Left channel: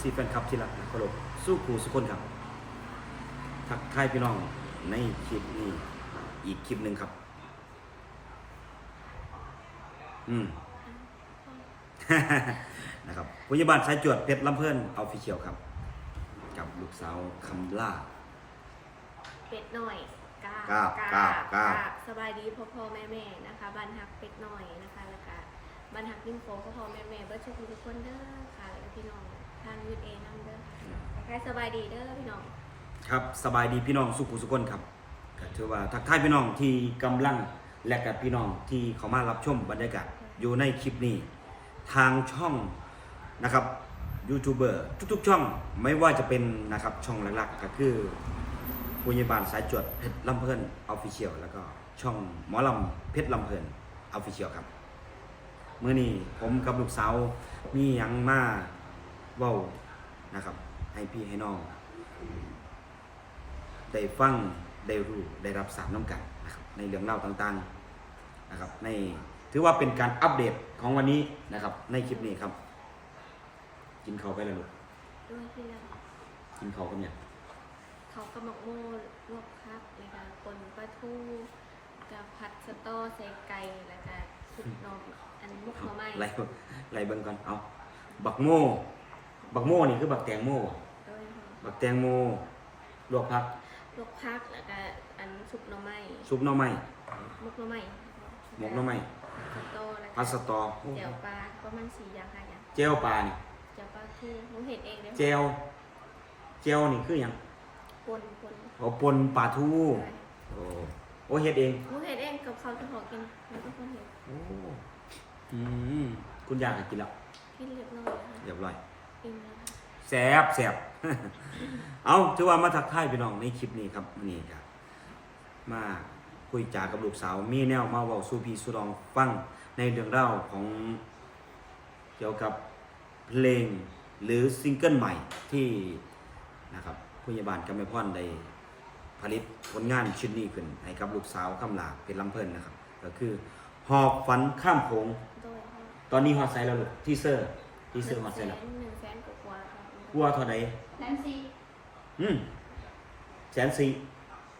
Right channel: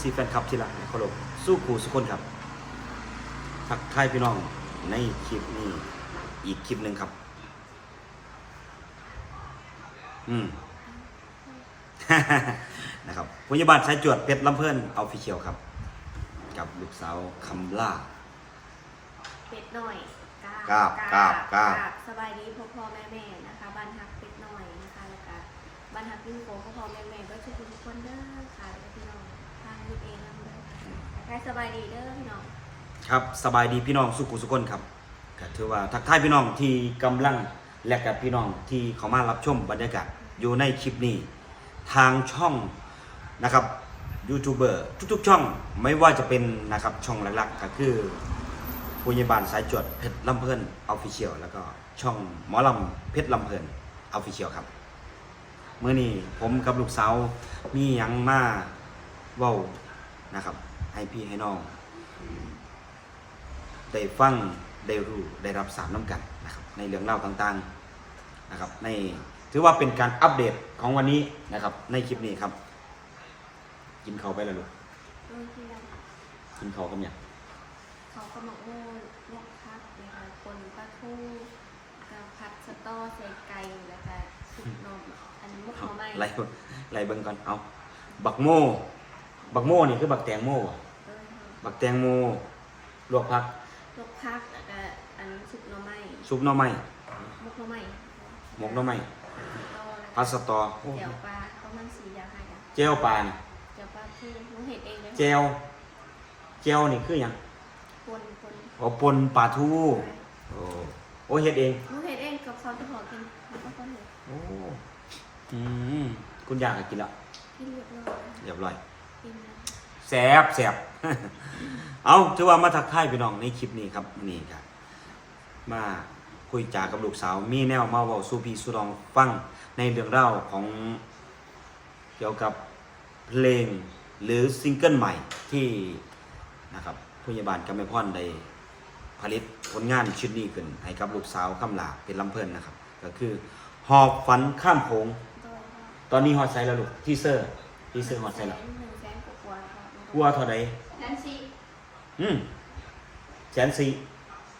ซีแฟนคลับที่รักเคารพสู้ครูสุคนครับทักทายพี่น้องในคลิปนี้อีกคลิปหนึ่งครับ อืม นะครับพยาบาลสายจวดเพชรลำเพื่อนเอาฟิเชียลครับ กับลูกสาวคำล่า เป็ดหน่อยกราบกราบกราบกราบบสบายดีพ่อพ่อแม่แม่นะคะบ้านฮักเป็ดหน่อยนะคะ แล้วก็บ้านฮักยิ่งโฟพ่อพ่อแม่แม่เบิร์ดทุกคนทุกคนเด้อค่ะแล้วก็พี่น้อง ทางยูเอนัมเด้อค่ะแต่ใครสบายดีเด้อพี่น้อง ครับสบายดีพี่น้องสุขุสุคนครับก็ถือว่าทักทายพี่น้องที่กำลังและกับพี่น้องที่เขามารับชมบรรยากาศอยู่ในคลิปนี้ ทางช่องนะครับยูทูบเบอร์ทุกๆ ช่องไม่ว่าจะเป็นนะครับช่องหลักๆก็คือปุญญาบาลสายจวดเพชรลำเพลินออฟฟิเชียลแล้วก็ช่องหมอลำเพชรลำเพลินออฟฟิเชียลครับเมื่อนี้ผมกับลูกสาวมีหยังมา เว้านะครับ ให้พี่ให้น้อง ได้ฟังได้รู้ได้รับสารน้ำกันนะครับในเรื่องเล่าวต่างๆนะครับในถือว่าเป็นการอัปเดตของวันนี้นะครับ ในคลิปนี้ครับ กินเขาวไปแล้วลูกรุ่นที่แล้วกินเขาวกันเนี่ยงเขากำลังโม่ลวกพักเลยค่ะคนปลาทูกับผัดสตอใส่ไก่แล้วก็ซุปนมอันมุกหน่อไม้ไล่ไล่เบิ่งก่อนเอาบักโม บักโมนี่คือบักแตงโมบ่ด้วยค่ะบักแตงโมลวกผักลวกพักแล้วก็อันซุปหน่อไม้ซุปหน่อไม้มุกหน่อไม้หมกหน่อไม้ผัดสตอแล้วพัก็สตอโอ้แจ่วปลาประมาณสี่อย่างห้าอย่างเจลปลานี่แจ่วปลาคือหนูเห็ดเองเลยเจลเจลนี่คือหยังปนปนโอ้ปนปลาทูโอ้โอ้เฮ็ดเองหนูเห็ดเองกับเขาจะพอกินหนูก็คนเห็ดโอ้อืมคุณอยากให้กินละกินเรียบร้อยเรียบร้อยกิน แล้วแสบแสบเอาถือว่ามาทักทายพี่น้องในคลิปนี้ครับนี่ครับ มาคุยจากับลูกสาว มีแนวมาเว้าสู่พี่สู่น้องฟังในเรื่องราวของเกี่ยวกับเพลงหรือซิงเกิลใหม่ที่นะครับพยาบาลกำไมพรได้ผลิตผลงานชุดนี้ขึ้นให้กับลูกสาวคำลาเป็นลำเพลินนะครับ ก็คือหอบฝันข้ามโขงโดยค่ะตอนนี้ฮอตไซแล้วลูกทีเซอร์ทีเซอร์ฮอตไซแล้ว กลัวเท่าไหร่นั่นสิอืมแสนสี่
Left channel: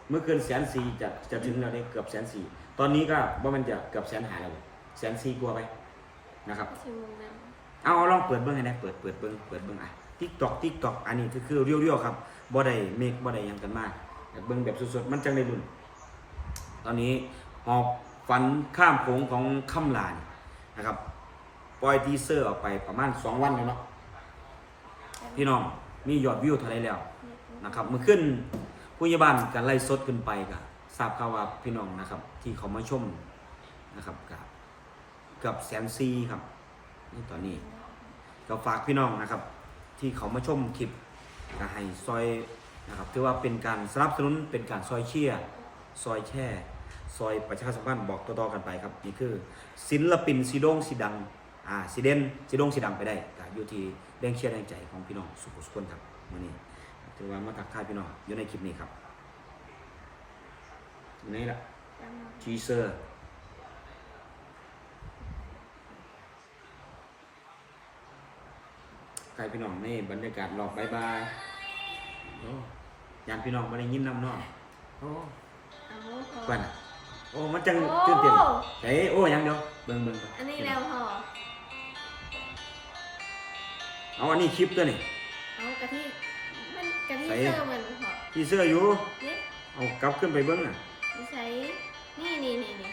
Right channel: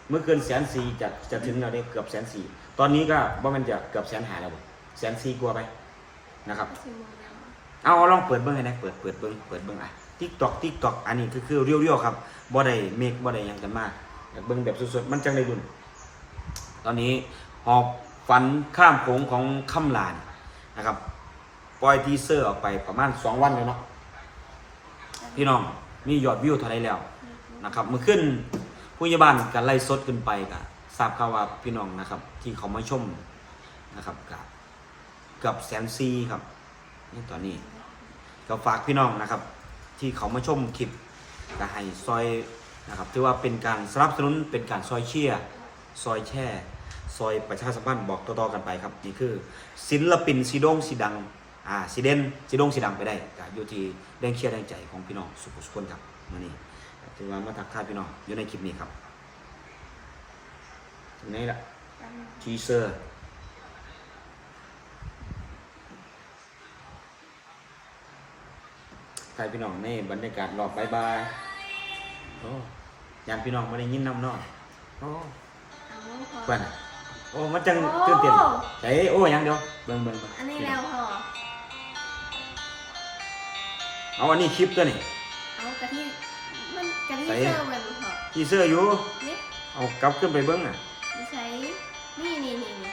เมื่อเกินแสนสี่จะจะถึงแล้วเนี่ยเกือบแสนสี่ตอนนี้ก็ว่ามันจะเกือบแสนหาแล้วแสนสี่กลัวไปนะครับก็คือโมเมนต์เอาเอาลองเปิดเบิ้งให้นะเปิดเปิดเบิ้งเปิดเบิ้งอะทิกตอกทิกตอกอันนี้คือคือเรียวๆครับบ่ได้เมคบ่ได้หยังกันมากแต่เบิ้งแบบสดๆมันจังได้รุ่น ตอนนี้หอบฝันข้ามโขงของคำลานนะครับปล่อยทีเซอร์ออกไปประมาณสองวันแล้วเนาะ พี่น้องมียอดวิวเท่าไรแล้วนะครับเมื่อขึ้นผู้ใหญ่บ้านกันไล่สดขึ้นไปกับทราบข่าวว่าพี่น้องนะครับ ที่เขามาชมนะครับกับกับแสนซีครับนี่ตอนนี้ก็ฝากพี่น้องนะครับ ที่เขามาชมคลิปก็ให้ซอยนะครับถือว่าเป็นการสนับสนุนเป็นการซอยเชียร์ซอยแช่ซอยประชาสัมพันธ์บอกต่อๆกันไปครับ นี่คือศิลปินสีดงสีดังอ่าสีเด่นสีดงสีดังไปได้ อยู่ที่แรงเชียร์แรงใจของพี่น้องสุขุสุขคนครับมานี่ถือว่ามาทักทายพี่น้องอยู่ในคลิปนี้ครับอยู่ในละทีเซอร์ทายพี่น้องในบรรยากาศรอบบายบายโอ้ยานพี่น้องไม่ได้ยินน้ำเน้องโอ้เอาพอกวนโอ้มันจังโอ้ตื่นเต้นเฮ้ยโอ้ยังเดียวเบิ่งเบิ่งเบิ่งอันนี้แล้วพอ เอาอันนี้คลิปตัวนี่เอากะทิมันกะทิใส่เซอร์มันพอทีเซอร์อยู่ เนี่ยเอากลับขึ้นไปเบิ่งอะ ดิใช้นี่นี่นี่นี่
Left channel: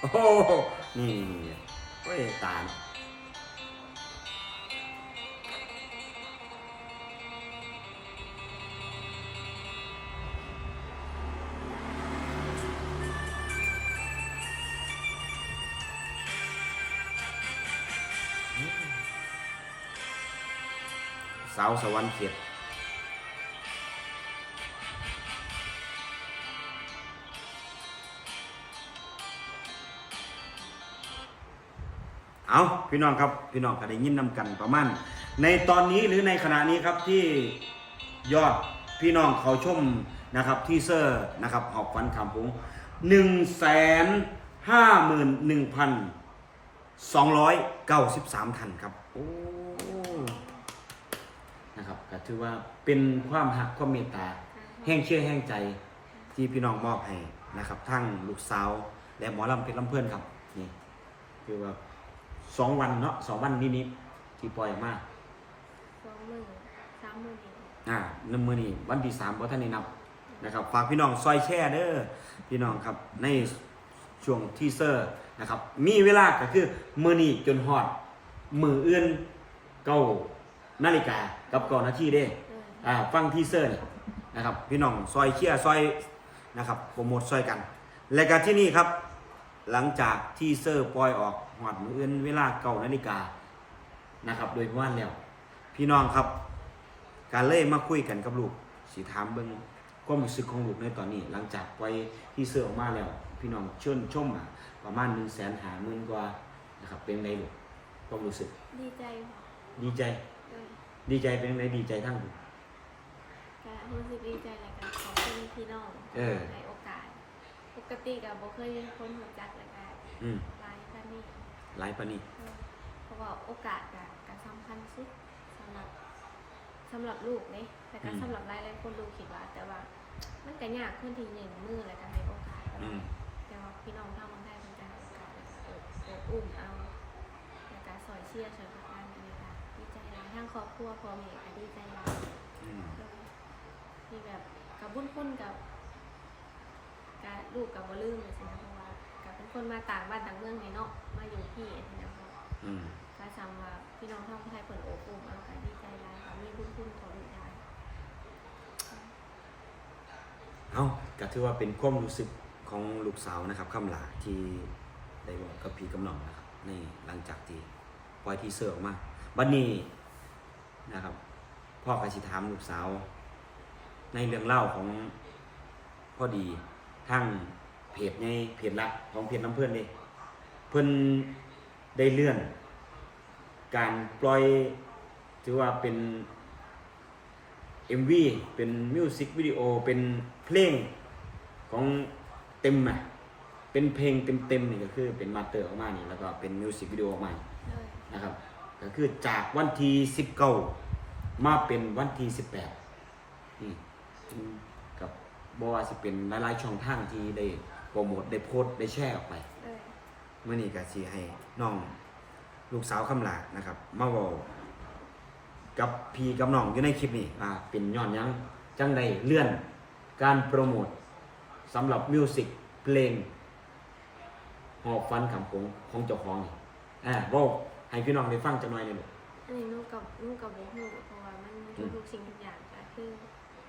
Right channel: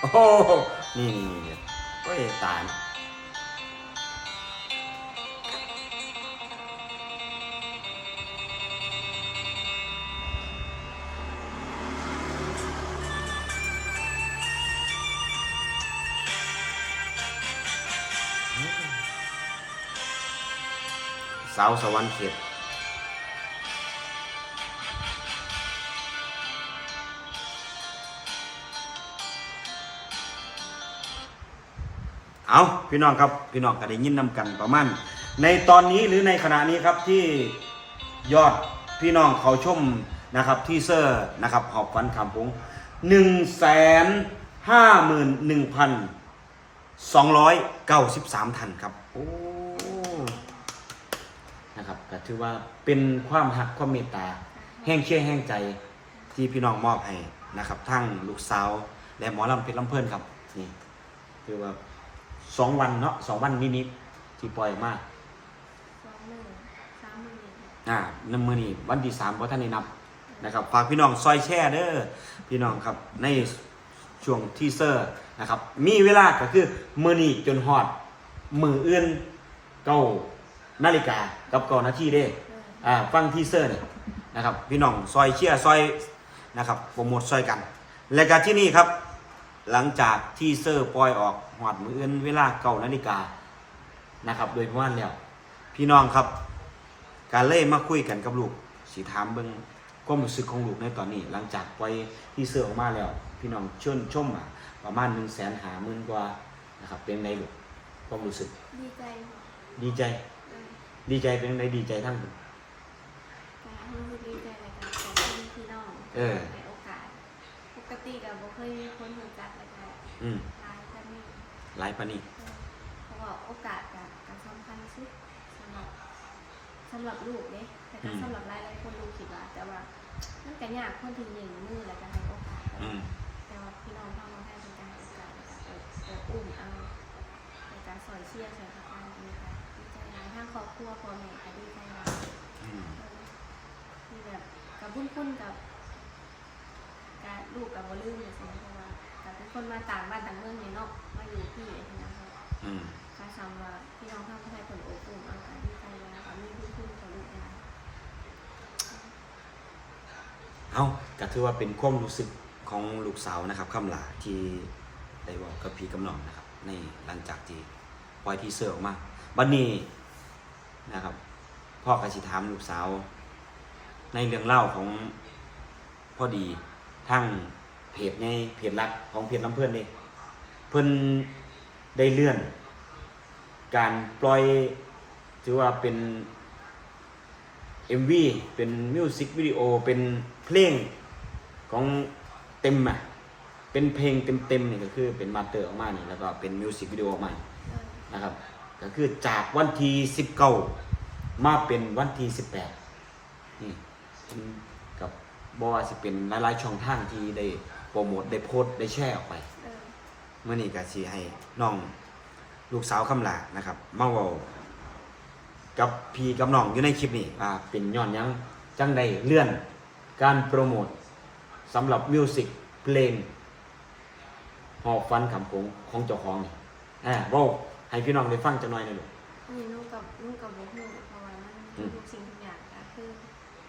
โอ้โหนี่นี่นี่นี่โอ้ยตาย สาวสวรรค์เขียดเอาพี่น้องครับพี่น้องก็ได้ยินนำกันประมาณในตอนนี้หรือในขณะนี้ครับที่ยอดพี่น้องเขาชมนะครับที่เซอร์นะครับหอบฟันคำพงหนึ่งแสนห้าหมื่นหนึ่งพันสองร้อยเก้าสิบสามทันครับโอ้ นะนะครับก็ถือว่าเป็นความหักความเมตตา แห้งเชื่อแห้งใจที่พี่น้องมอบให้นะครับ ทั้งลูกสาวและหมอลำเพชรลำเพลินครับนี่คือว่าสองวันเนาะสองวันนิดๆที่ปล่อยมาสองหมื่นสามหมื่นเองอ่าน้ำมือนี่วันที่สามวันท่านได้นับนะครับฝากพี่น้องซอยแช่เด้อพี่น้องครับในช่วงทีเซอร์นะครับ มีเวลาก็คือมือนี่จนฮอดมืออื่นเก้า นาฬิกากับเก้านาทีเด้เลยอ่าฟังทีเซอร์เนี่ยนะครับพี่น้องซอยเชียร์ซอยนะครับโปรโมทซอยกัน และการที่นี่ครับ หลังจากทีเซอร์ปล่อยออกหอดมืออื่นเวลาเก้านาฬิกานะครับ โดยประมาณแล้วพี่น้องครับ การเล่มาคุยกันกับลูกสีถามเบิ้งความรู้สึกของลูกในตอนนี้ หลังจากปล่อยทีเซอร์ออกมาแล้ว พี่น้องเชิญชมอะประมาณหนึ่งแสนหาหมื่นกว่านะครับเป็นไงลูกความรู้สึกดีใจค่ะดีใจเลย ดีใจเป็นไงดีใจทั้งลูกก็รู้สึกดีใจเลยกันขอบคุณพี่น้องเออ ให้โอกาส ปกติกับบ่เคยมีคนรู้จักเลยกันอืมหลายท่านนี่หลายปานนี้เออเพราะว่าโอกาสกับกับสำคัญสุดสำหรับสำหรับลูกเนี่ยแต่ก็อืมสำหรับหลายหลายๆคนลูกคิดว่า แต่ว่ามันก็ยากคนที่หนึ่งมือแล้วก็ให้โอกาสแต่อืว่ามแต่ว่าพี่น้องทางคนไทยเป็นการให้โอกาสแล้วก็เออเอออุ้มเอาแต่การสอยเชียร์สอยประการดีค่ะ ดีใจหลายทั้งครอบครัวพ่อแม่ก็ดีใจหลายอืมที่แบบกับบุญคุณกับการลูกกับบ่ลืมเลยสินะเพราะว่ากับเป็นคนมาต่างบ้านต่างเมืองในเนาะมาอยู่ที่อันนี้นะเพราะอืมการซ้ำว่าพี่น้องทางคนไทยผลโอบอุ่นอังการดีใจหลายค่ะมีบุญคุณต่อลูกยายเอาก็ถือว่าเป็นความรู้สึกของลูกสาวนะครับคำลาที่ได้บอกกับพี่กำนองนะครับในหลังจากที่ปล่อยทีเซอร์ออกมาบัดนี้น นะครับพ่อกสิถามลูกสาว ในเรื่องเล่าของพ่อดีทั้งเพจในเพจลักของเพจลำเพื่อนนี่เพิ่อนได้เลื่อน การปล่อยถือว่าเป็น MV เป็นมิวสิกวิดีโอเป็นเพลงของเต็มอะเป็นเพลงเต็มๆเนี่ยก็คือเป็นมาเตอร์ออกมาเนี่ยแล้วก็เป็นมิวสิกวิดีโอออกมานะครับ ก็คือจากวันที่19มาเป็นวันที่18นี่อืมกับบอกว่าสิเป็นหลายๆช่องทางที่ได้โปรโมทได้โพสต์ได้แชร์ออกไปเลยเมื่อนี้ก็สิให้น้องลูกสาวคำลานะครับมาเว้ากับพี่กับน้องอยู่ในคลิปนี้อ่าเป็นย้อนหยังจังได้เลื่อนการโปรโมทสำหรับมิวสิกเพลงหอบฟันคำโขงของเจ้าของนี่อ่าเว้า ให้พี่น้องได้ฟังจักหน่อยหนึงลูกอันนี้ลูกกับลูกกับบุกลูกเพราะว่ามันอืมทุกๆสิ่งทุกอย่างก็คือ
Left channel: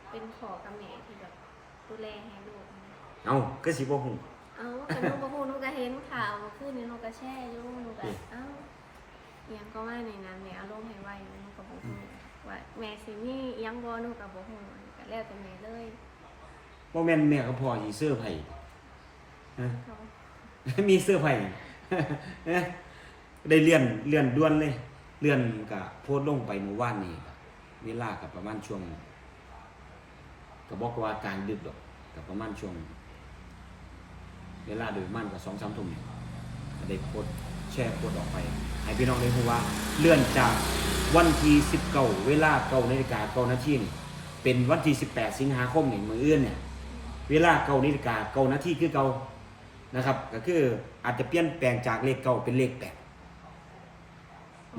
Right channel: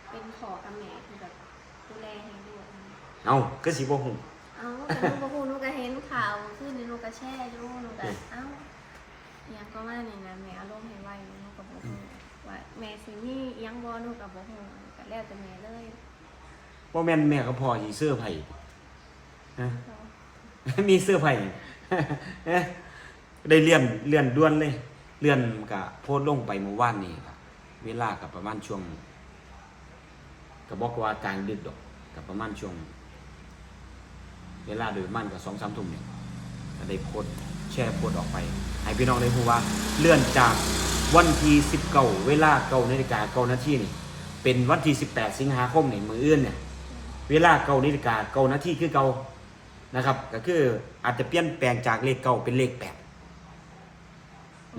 เป็นขอกับแม่ที่แบบดูแลให้ลูกนะเอ้าก็สิบ่ฮู้ เอ้าแต่ลูกบ่ฮู้ลูกก็เห็นข่าวขึ้นในลูกก็แช่อยู่ลูกก็อืม เอ้าอิหยังก็ว่านี่นะแม่อารมณ์ให้ไวลูกก็บ่ฮู้ว่าแม่สิมีอิหยังบ่ลูกก็บ่ฮู้ก็แล้วแต่แม่เลยบ่แม่นแม่กับพ่อสิเสื้อร์ไผฮะ เขามีเสื้อร์ไผเอ๊ะ ได้เลื่อนเลื่อนด่วนเลย เลื่อนก็โพสต์ลงไปเมื่อวานนี้ครับเวลากับประมาณช่วงก็บบอกว่ากลางดึกดอกกับประมาณช่วงเวลาโดยมันก็สองสามทุ่มเนี่ยได้โพสแชร์โพสออกไป ให้พี่น้องได้รู้ว่าเลื่อนจากวันที่สิบเก้าเวลาเก้านาฬิกาเก้านาทีนี่เป็นวันที่สิบแปดสิงหาคมในมือเอื่นเนี่ยเวลาเก้านาฬิกาเก้านาทีคือเก้านะครับ ก็คืออาจจะเปลี่ยนแปลงจากเลขเก้าเป็นเลขแปด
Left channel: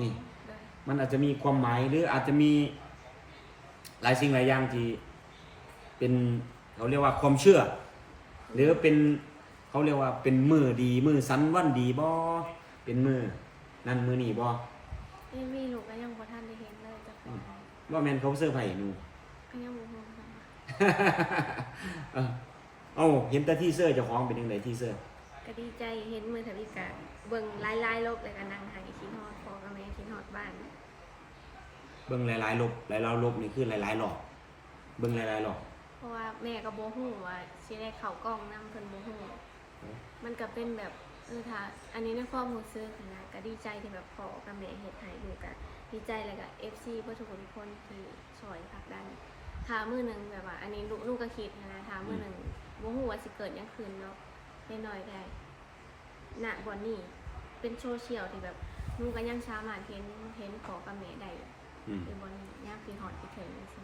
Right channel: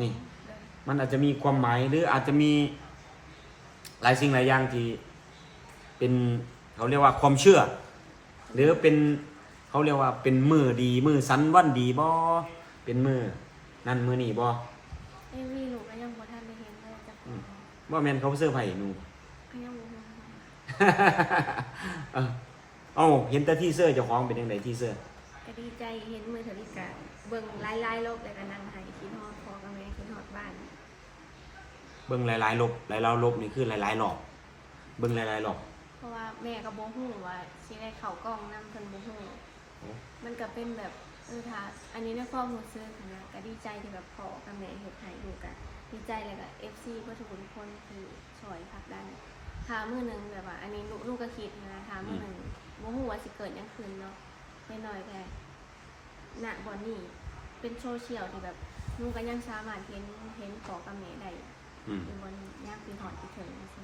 นี่เลยมันอาจจะมีความหมายหรืออาจจะมีหลายสิ่งหลายอย่างที่เป็นเขาเรียกว่าความเชื่อ หรือเป็นเขาเรียกว่าเป็นมือดีมือสันวันดีบ่เป็นมือนั่นมือนี่บ่เอ้ยมีลูกก็ยังบ่ทันได้เห็นเลยจักคนว่าแมนเขาเสื้อร์ไผ่หนูก็ยังบ่ฮู้ค่ะเออเอ้าเห็นแต่ที่เสื้อเจ้าของเป็นยังไงที่เสื้อ ก็ดีใจเห็นมือถือลิกะเบิ่งหลายๆลบเลยก็นั่งไห้คิดฮอดพ่อกับแม่คิดฮอดบ้าน เบิ่งหลายๆลบหลายๆลบนี่คือหลายๆหลอกเบิ่งหลายๆหลอกเพราะว่าแม่ก็บ่ฮู้ว่าสิได้เข้ากล้องนํเพิ่นบ่ฮู้โอ้มันก็เป็นแบบเออถ้าอันนี้ในความรู้สึกนะก็ดีใจที่แบบพ่อกับแม่เฮ็ดให้ลูกก็ดีใจเลยก็ FC เพื่อทุกคนคนที่ช่วยผลักดันถ้ามื้อหนึงแบบว่า อันนี้ลูกลูกก็คิดนะถ้ามื้อหนึงบ่ฮู้ว่าสิเกิดหยังขึ้นเนาะ น้อยๆแค่ณบ่นี้เป็นโซเชียลที่แบบลูกก็ยังสามารถเห็นเห็นพ่อกับแม่ได้อืมอยู่บนย่างปีหอดปีเถิงสิ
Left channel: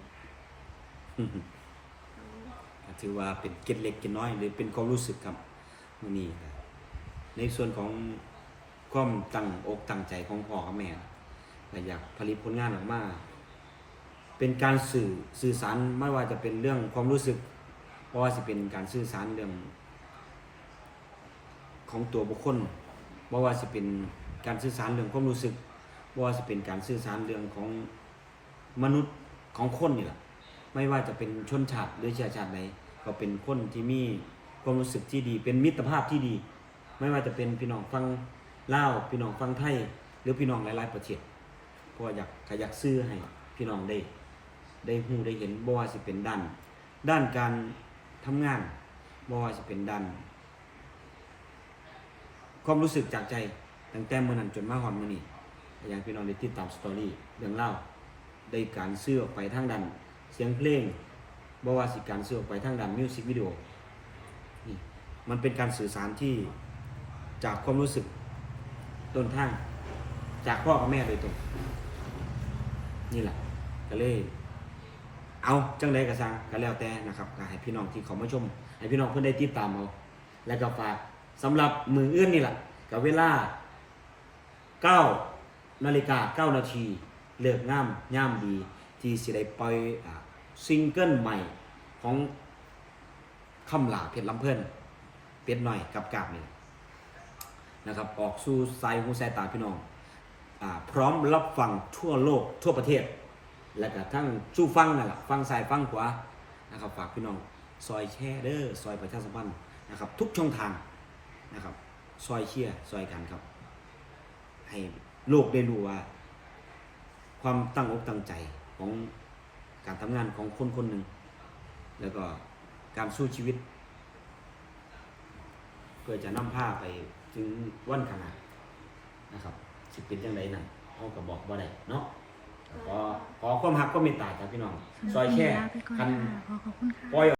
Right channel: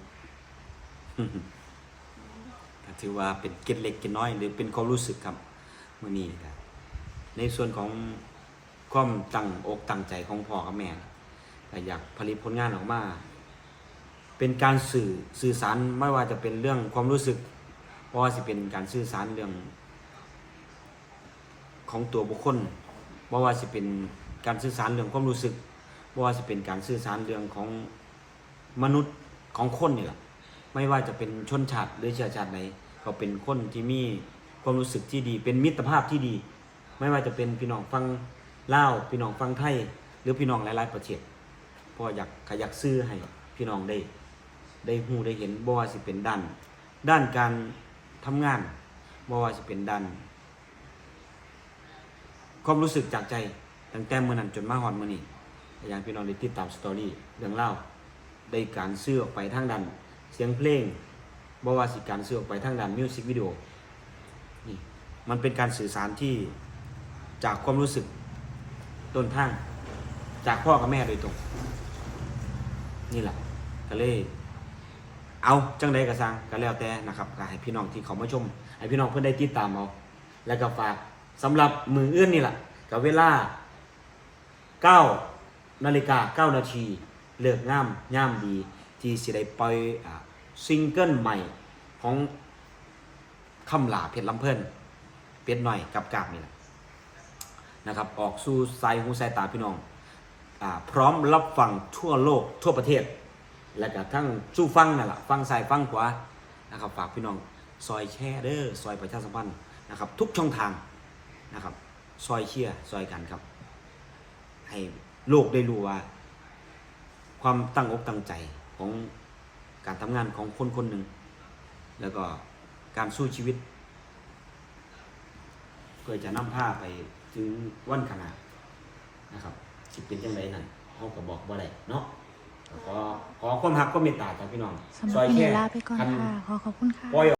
ก็ถือว่าเป็นเกร็ดเล็กเกร็ดน้อย หรือเป็นความรู้สึกครับมื่อนี้ก็ในส่วนของความตั้งอกตั้งใจของพ่อกับแม่ก็อยากผลิตผลงานออกมา เป็นการสื่อสื่อสารไม่ว่าจะเป็นเรื่องความรู้สึกเพราะว่าจะเป็นการสื่อสารเรื่อง ของตัวบุคคลบ่ว่าจะเป็นการสื่อสารเรื่องความรู้สึกบ่ว่าจะเป็นการสื่อสารเรื่องของมนุษย์ของคนนี่แหละไม่ว่าจะเป็นชนชาติหรือเชื้อชาติไหนก็เป็นคนที่มีความรู้สึกที่ดี เป็นมิตรภาพที่ดี ไม่ว่าจะเป็นพี่น้องฟังลาวพี่น้องฟังไทย หรือพี่น้องหลาย ๆ ประเทศพราะอยากขยักซื้อให้พี่น้องได้ ได้หูได้เห็นบ่ว่าสิเป็นด้าน ด้านการทำงานบ่ว่าสิเป็นด้าน ความรู้สึกจากใจตั้งแต่เมื่อนั้นจนมาฮอดมื้อนี้อย่างพี่น้องได้ติดตามสตอรี่เรื่องเล่าได้การซื้อออกไปทางด้านเสียงเพลงบว่าสิการซื้อออกไปทางด้านมิวสิกวิดีโอนี่มันเป็นการสื่อสารที่จากความรู้สึกต้นทางจากพ่อกับแม่โดยตรง นี่แหละก็เลย เอาจังใดก็สร้างก็แล้วแต่นะครับก็ให้พี่น้องที่เขามาชมให้พี่น้องเพื่อนได้ติดตามเอาแล้วก็ฝาก สำหรับมืออื่นนี่แหละกับเวลา9นาฬิกา9นาทีเลิกงามย่ามดี ที่สิได้ปล่อยซิงเกิลใหม่ของคำลาเพชรลำเพิ่นเป็ดหน่อยกับกาบนี่แหละนะครับ ออกสู่สายหูสายตาพี่น้องอพร้อมรับฟังทั่วโลกทั่วประเทศ แล้วก็ทั้งสู้ฟังนั่นแหละฟังซ้ายฟังขวานะครับฝากพี่น้องซอยแชร์เด้อซอยประชาสัมพันธ์นะครับ ทุกช่องทาง นะครับ ซอยเชียร์ซอยกันครับ ให้โลกได้รู้ว่า ความตั้งอกตั้งใจของการทำงานของคนคนหนึ่ง แล้วก็การสู้ชีวิตเพื่อจะนำผ้าไปถึงวันขนาดนะครับสิเป็นยังไงนั่นเขาก็บอกบ่ได้เนาะแล้วก็ขอความหักก็เมตตาจากพี่น้องสำหซรัอบยวันแค่นี้ลาไปก่อนคันค่ะขอขอบคุณค่ะปล่อย